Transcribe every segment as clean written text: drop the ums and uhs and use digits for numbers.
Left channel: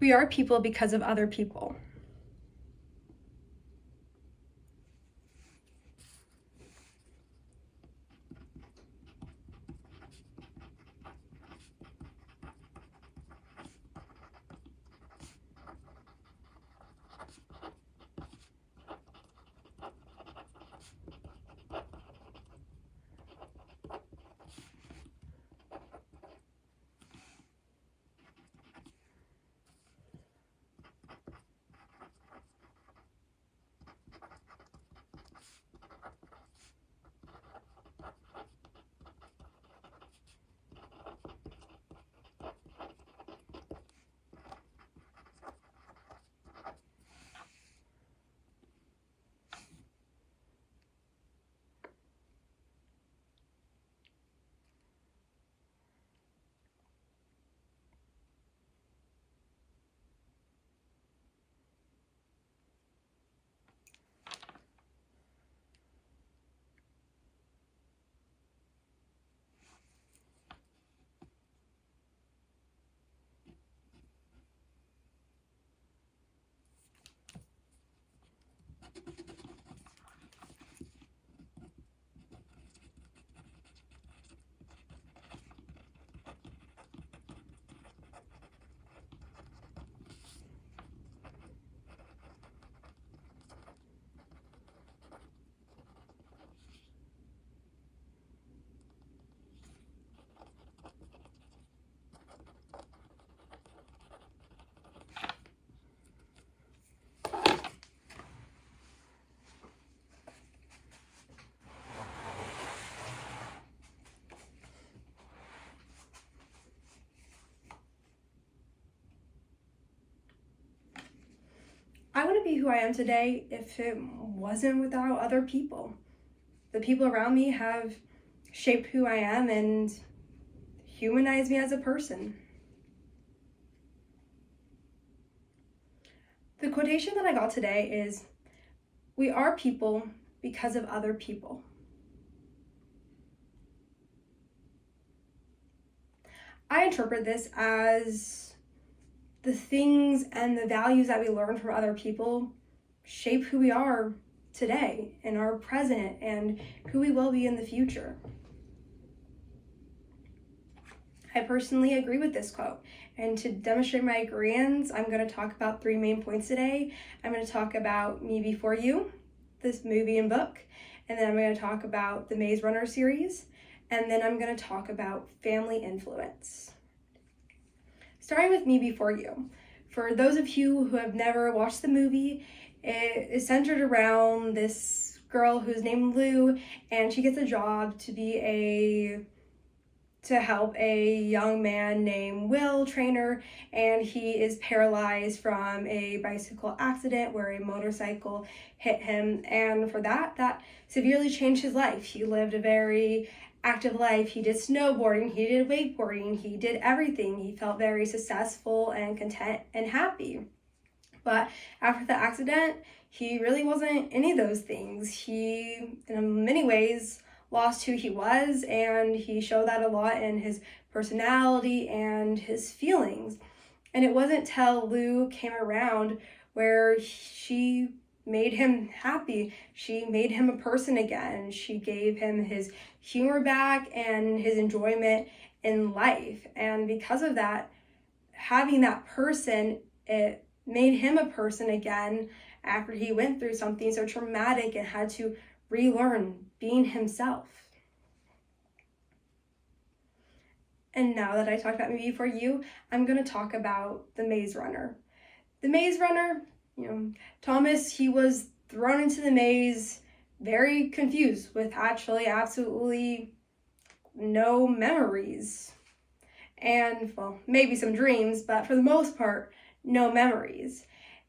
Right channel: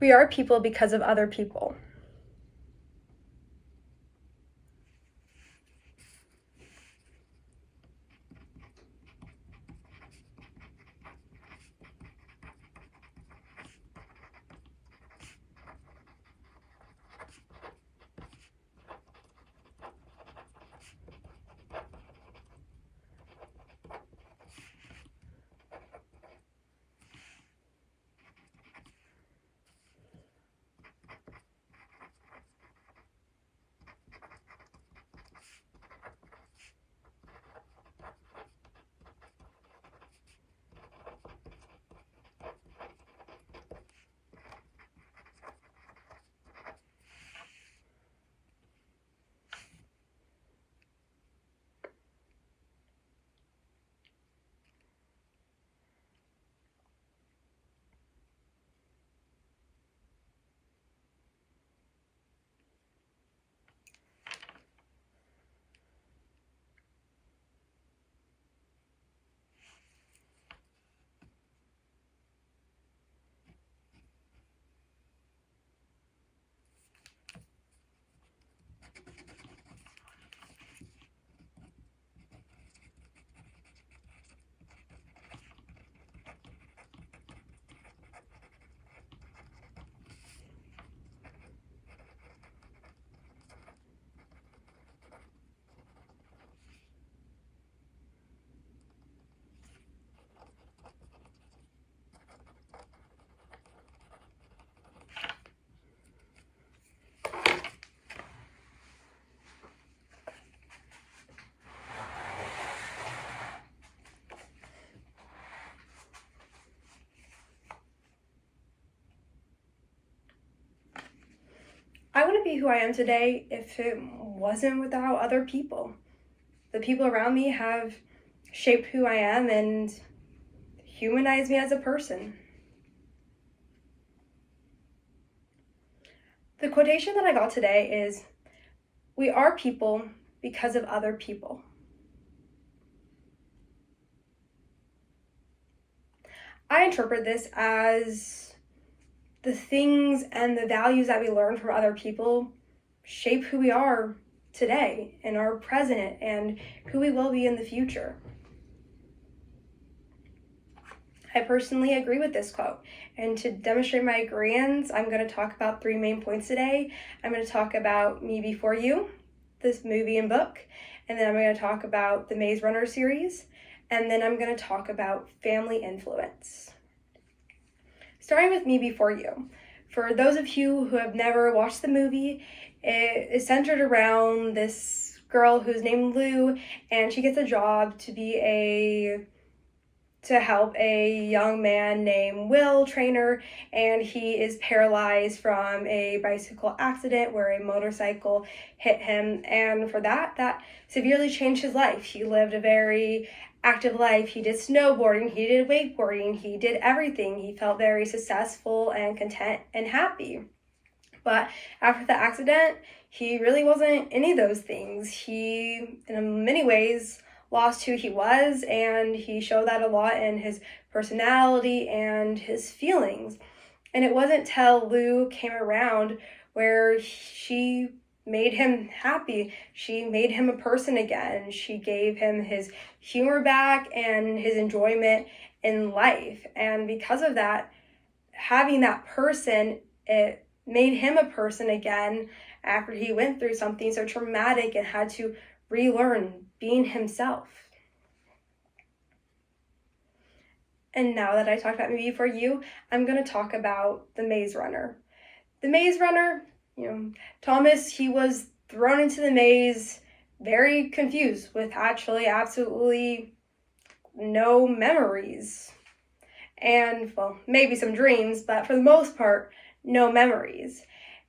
We are people because of other people. I wouldn't be who I am today if it wasn't without other people. The people around me have shaped who I am and humanized me as a person. The quotation that I got today is, "We are people because of other people." I interpret this as the things and the values that we learn from other people shape who we are today and our present and who we will be in the future. I personally agree with this quote. And to demonstrate my agreement, I'm going to talk about 3 main points today. I'm going to talk about Me Before You, this movie and book, and then I'm going to talk about the Maze Runner series, and then I'm going to talk about family influence. Starting with Me Before You. For those of you who have never watched the movie, it is centered around this girl who's named Lou, and she gets a job to help a young man named Will Trainer, and he is paralyzed from a bicycle accident where a motorcycle hit him, and for that severely changed his life. He lived a very active life. He did snowboarding, he did wakeboarding, he did everything. He felt very successful and content and happy. But after the accident, he really wasn't any of those things. He, in many ways, lost who he was, and he showed that a lot in his personality and his feelings. And it wasn't till Lou came around where she made him happy. She made him a person again. She gave him his humor back and his enjoyment in life. And because of that, having that person, it made him a person again after he went through something so traumatic and had to relearn being himself. And now that I talked about Me Before You, I'm going to talk about the Maze Runner. The Maze Runner, Thomas, he was thrown into the maze very confused with actually absolutely no memories. And, well, maybe some dreams, but for the most part, no memories.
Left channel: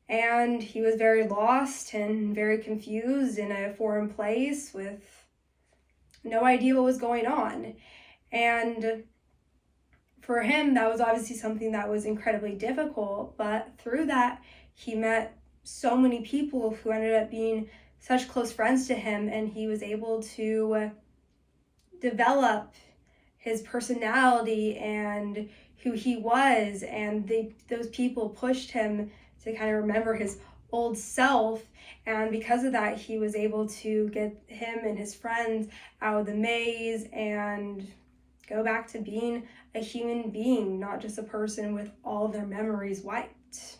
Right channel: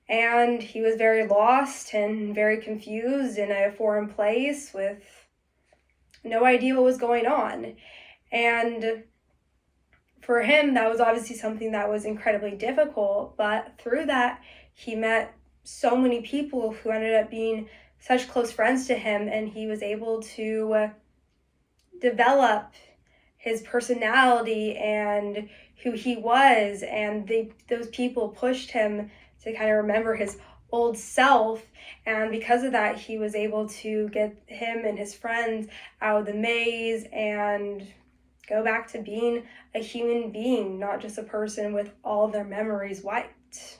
And he was very lost and very confused in a foreign place with no idea what was going on. And for him, that was obviously something that was incredibly difficult, but through that, he met so many people who ended up being such close friends to him, and he was able to develop his personality and who he was, and those people pushed him to kind of remember his old self. And because of that, he was able to get him and his friends out of the maze and go back to being a human being, not just a person with all their memories wiped.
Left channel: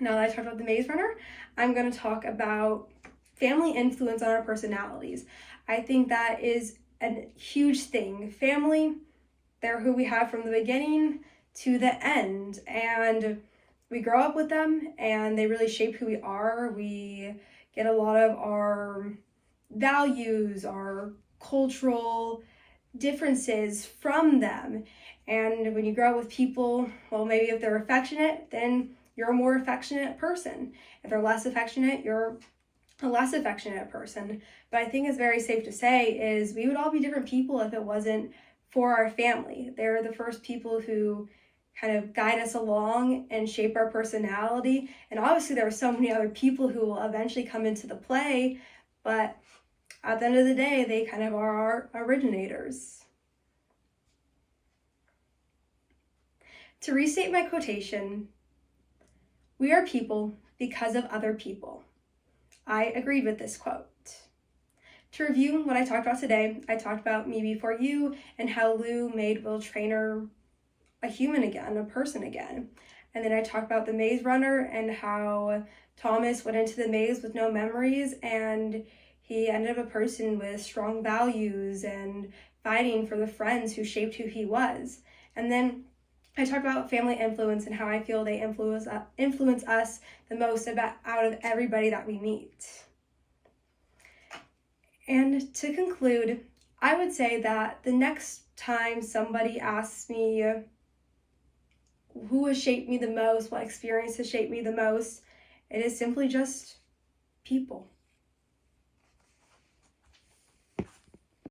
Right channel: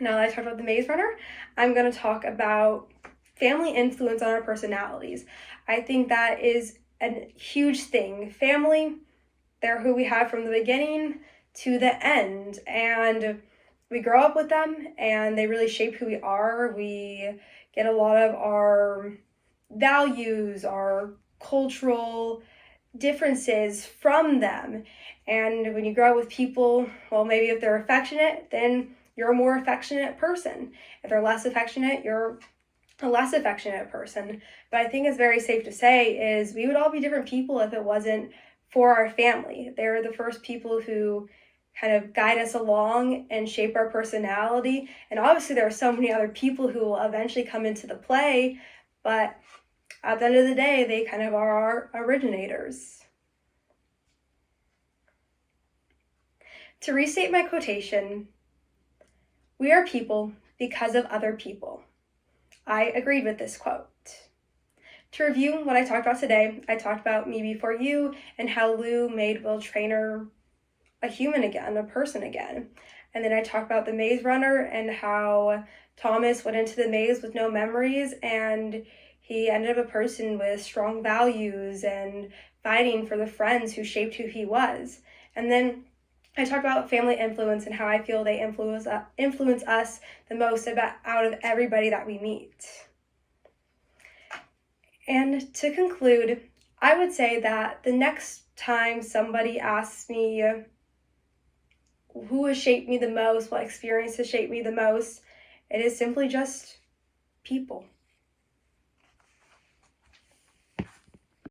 Now that I talked about the Maze Runner, I'm going to talk about family influence on our personalities. I think that is a huge thing. Family, they're who we have from the beginning to the end, and we grow up with them and they really shape who we are. We get a lot of our values, our cultural differences from them. And when you grow up with people, well, maybe if they're affectionate, then you're a more affectionate person. If they're less affectionate, you're a less affectionate person. But I think it's very safe to say is we would all be different people if it wasn't for our family. They're the first people who kind of guide us along and shape our personality. And obviously there are so many other people who will eventually come into the play, but at the end of the day, they kind of are our originators. To restate my quotation, we are people because of other people. I agreed with this quote. To review what I talked about today, I talked about Me Before You and how Lou made Will Traynor a human again, a person again. And then I talked about the Maze Runner and how Thomas went into the maze with no memories and he ended up a person with strong values and fighting for the friends who shaped who he was. And then I talked about family influence and how I feel they influence us the most out of everybody that we meet. And to conclude, I would say that the next time somebody asks me who has shaped me the most, what experience has shaped me the most, it is simply just people.